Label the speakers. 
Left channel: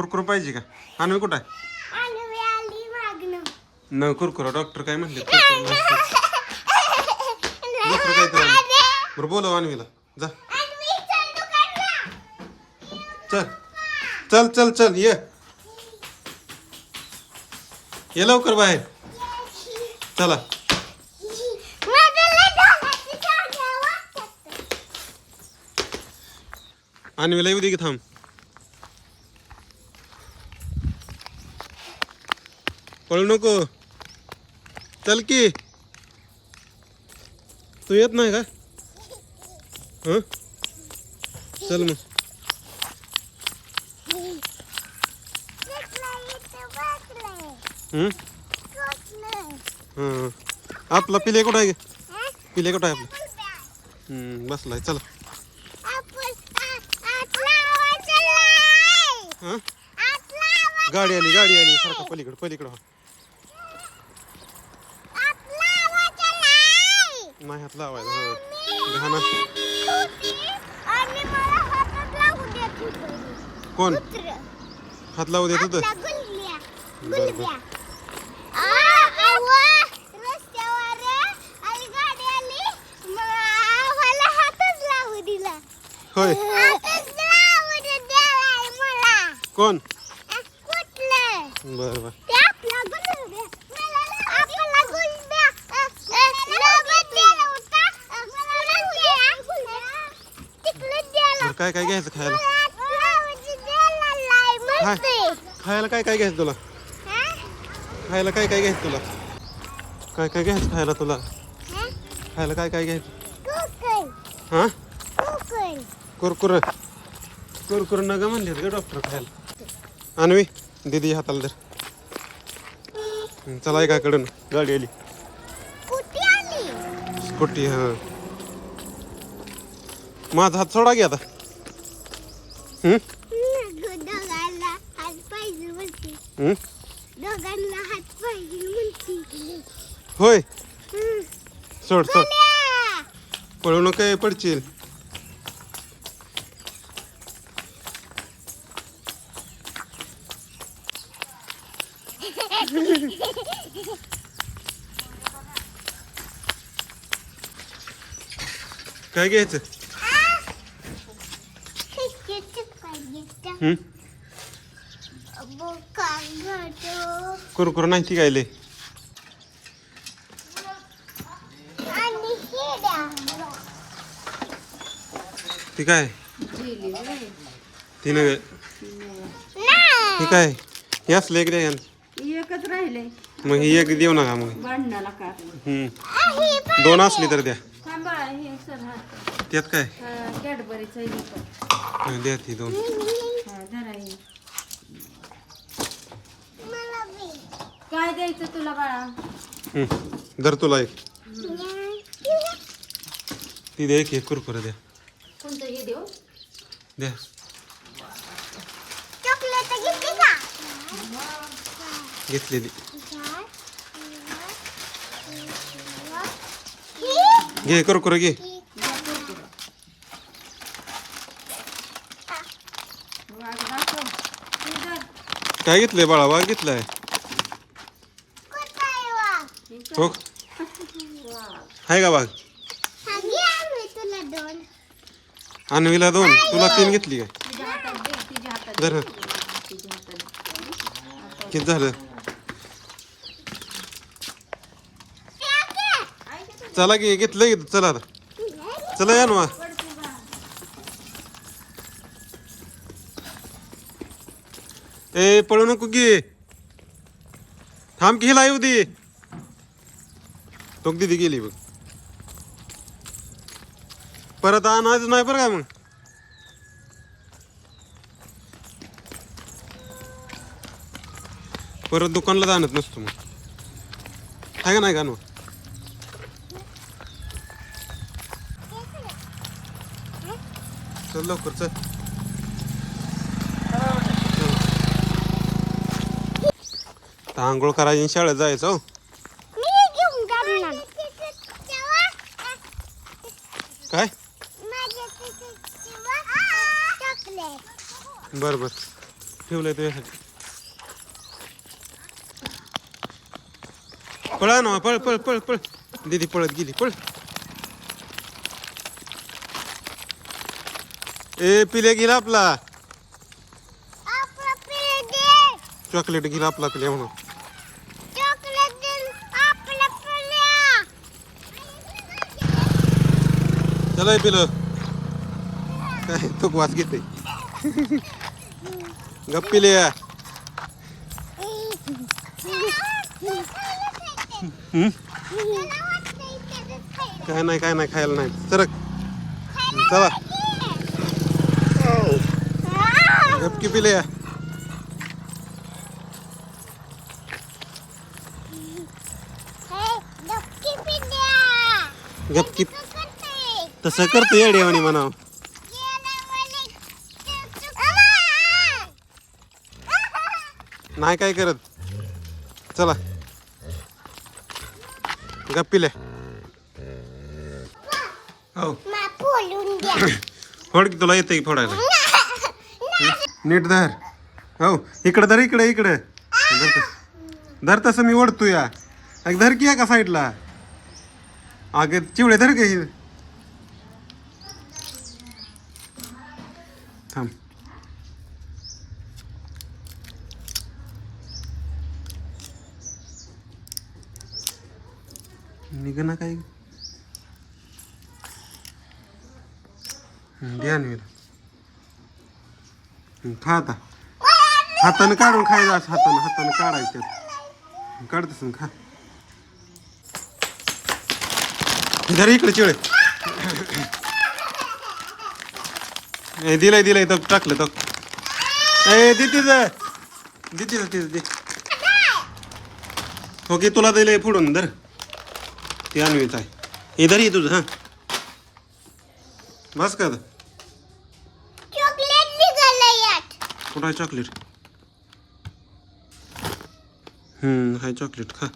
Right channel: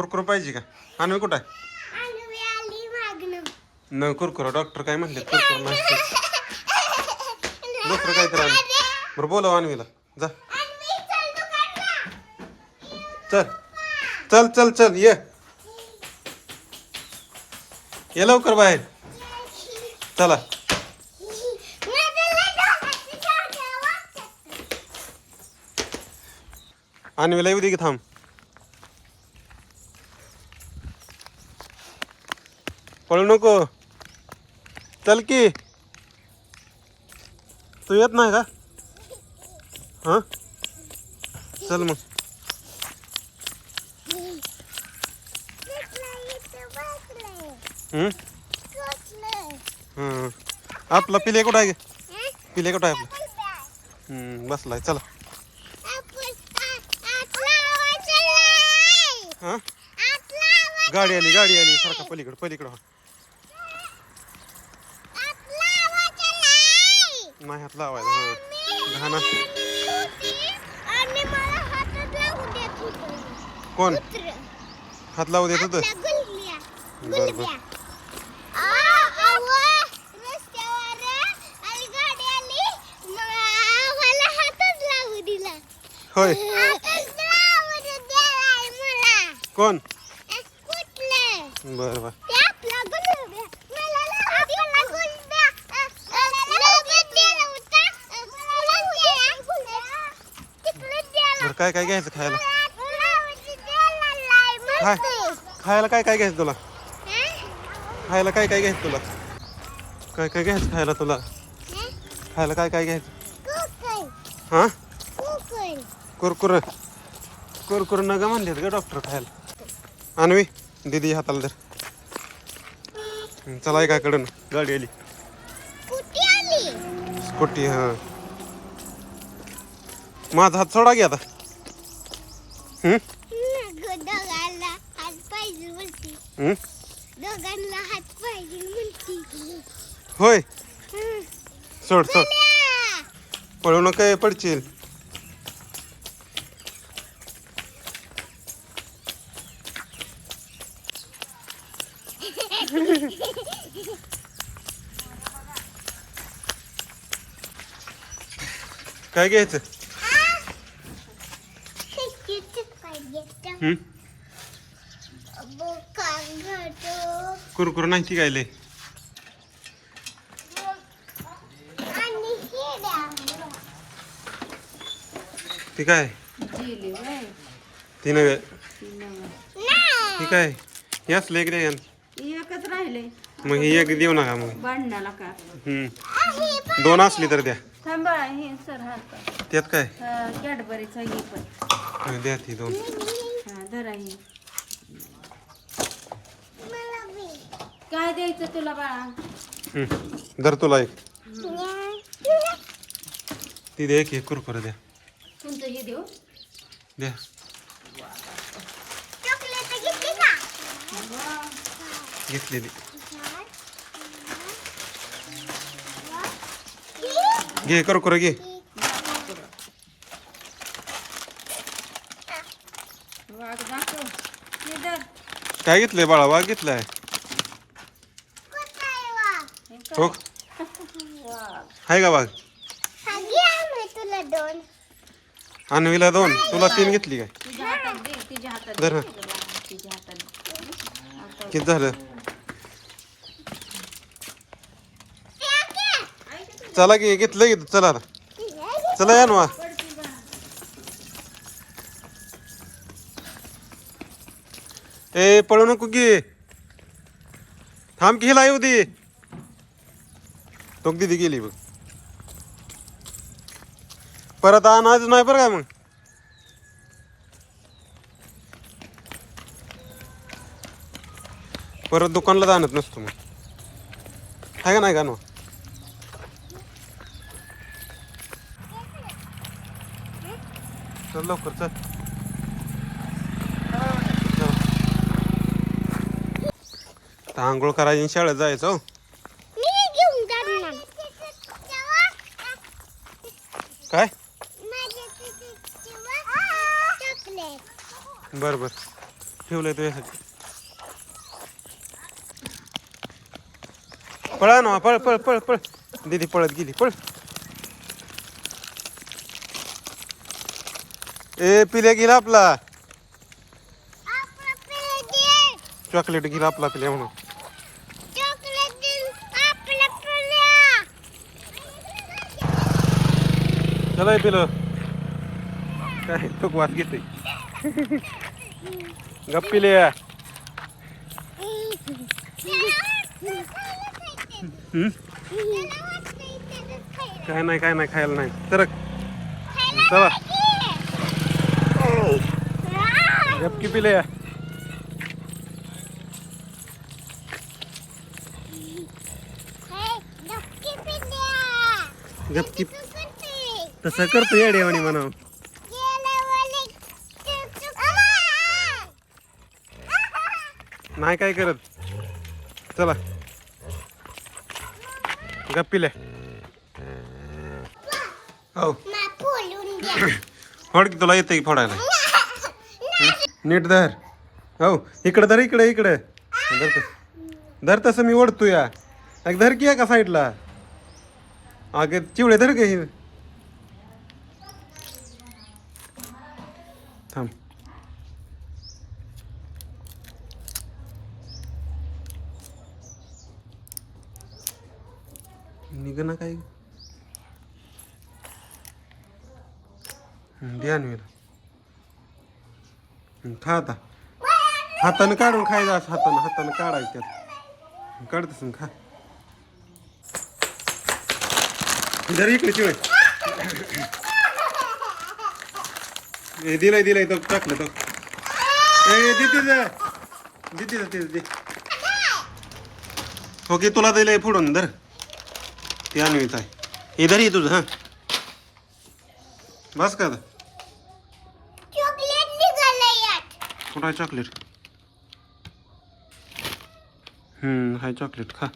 Speaker 1: कुरकुर पाहिजे का? आणवी कुठं आहे? न कुरकुर डॉक्टर काय म्हणले? कुरकुर नाही. दुसरं काय तर बरं बोलव आणवीला. जा. चल चल. चल चल ये. ये लवकर बाहेर. चला. आणवीला येऊ दे की थांब. पळू नको. चल की. तू येत नाही का? हां? चल मग. आपला पिले कुठं आहे पिले कुठं आहे आपला? बसलाय. चला. हां? गाडी आली गाडी आली. सारखा पलीकडे पलीकडं हो. नाही हात लावायचा हा घाणा
Speaker 2: होतं
Speaker 1: कोण. हात लावू देत होतं?
Speaker 2: गुलग्या.
Speaker 1: बरं,
Speaker 2: गुलग्या. आ, अव्वा, रस्त्यावर आणि गाडी आली मग आम्हाला हातच लावू दिला
Speaker 1: होय
Speaker 2: हातच लावू दे देवाय मला
Speaker 1: कोण
Speaker 2: अ, कुठलं
Speaker 1: बरं बरं
Speaker 2: ते आपला गुलग्या मला ना आपला गुलग्या अ, अ, नवत दिला होता अ, गुलग्या. तिकडे दिला.
Speaker 1: बरं काय काय घ्यायचं खायला
Speaker 2: मस्त.
Speaker 1: खायला काय काय घ्यायचं तुला? खायला काय काय घ्यायचं तुला काय काय घ्यायचं खायला तुला? खायला काय काय घ्यायचं हा. कुरकुर कुरकुर नग म्हणलेत ग डॉक्टर खायला आणवी दिदी हाताला धर हं, चला एकाकडून गाडी आली? स्कूटी हा माझा हात सोडा की आता
Speaker 2: दोघांना हात पाहिजे म्हणती? दोघांना हात पाहिजे म्हणती.
Speaker 1: होय. सोड सोड. पळू नका पडशील. काय घ्यायचं
Speaker 2: किती पाहिजे तर
Speaker 1: हं?
Speaker 2: बोका घाटो
Speaker 1: कुरकुर नाही ती गायले.
Speaker 2: आणि हे द्या.
Speaker 1: ती काय? ती नग ती
Speaker 2: नाही.
Speaker 1: काय? हे असलं एक द्या
Speaker 3: एकच राहिले.
Speaker 1: मग ही एक देऊ नका मग.
Speaker 3: का?
Speaker 1: दोन असली तर द्या.
Speaker 3: थांबा हे सर हात
Speaker 1: त्यात काय?
Speaker 3: कॅडबरीचं हे पण.
Speaker 1: द्या ती दोन
Speaker 3: हा धरा हे
Speaker 2: मला बी.
Speaker 3: काय द्यायचं तुला बाळा.
Speaker 1: धर तुला एक ती द्या एक एक कुरकुर द्या
Speaker 3: कोणतं हे देऊ
Speaker 1: द्या
Speaker 2: चॉकलेट घेतली का
Speaker 1: घेतलेली घे कुरकुर घे
Speaker 3: वाघ दाखव हे धर
Speaker 1: काय घेतलंय बाळा? वाघ घेतलाय.
Speaker 3: हो.
Speaker 1: आहे का वाघ?
Speaker 2: तुला दोन.
Speaker 1: आणवीला दोन तुला तीन घेतली काय?
Speaker 3: तुझ्या
Speaker 1: धर ना. किती झालं? चला की घेतलं की? चला आता. चला या ना ए पळू नको की. थांब की हिला येऊ दे. तो दिदी गेली बघ. परत आणायच नाही बरं काय मग? परत दुकानला जाणत नसतो मग. आहे का नाही का ना चल लवकर चल चल. आता आंघोळ करायची शाळेत जायचं हो.
Speaker 2: मी घेऊन जाणार.
Speaker 1: काय? बर बर ठेवलंय तुझ्यासाठी. पळा ना पळ पळ पळ पळ. दीदी पळत गेली पळ. ए पिल्या गेला आपला. चॉकलेट गेला आपला पिल्या म्हणून. चला पिलं. काय तो वास घेते. गप्पिल्या हम्म? काय नाही काय नाही खायला नाही. सरक चला. गपकी पिल्या गपकी तसं करतो येड्यावानी म्हणा नाही काय करत. चला. गप्पिल्या हो. फोड की तुला येते की फोडायला? नीट धर. हो इकडं धर इकडे इकडे. धर धर तसं मी ओढतो या. अग धर की का साईडला अगं चिवडे धर का थांब. निघ ना काय द्या ना खा आता. हातानं काढून खायचं असं हातानं हातानं काढायचं त्यात. काढतस खा. धर इकडे चिळे ए दिलंय दिलंय तर टाकलं तर ए दे तिथं. दे तिथं तिथं दे. ओके तुला दिलंय फोडून धर. ते आणवीच आहे. हे धर ये तुझं हां. बस का आता?
Speaker 2: चॉकलेट निघालं यात.
Speaker 1: कुठं आहे चॉकलेट? हम्म हाय चॉकलेट खा.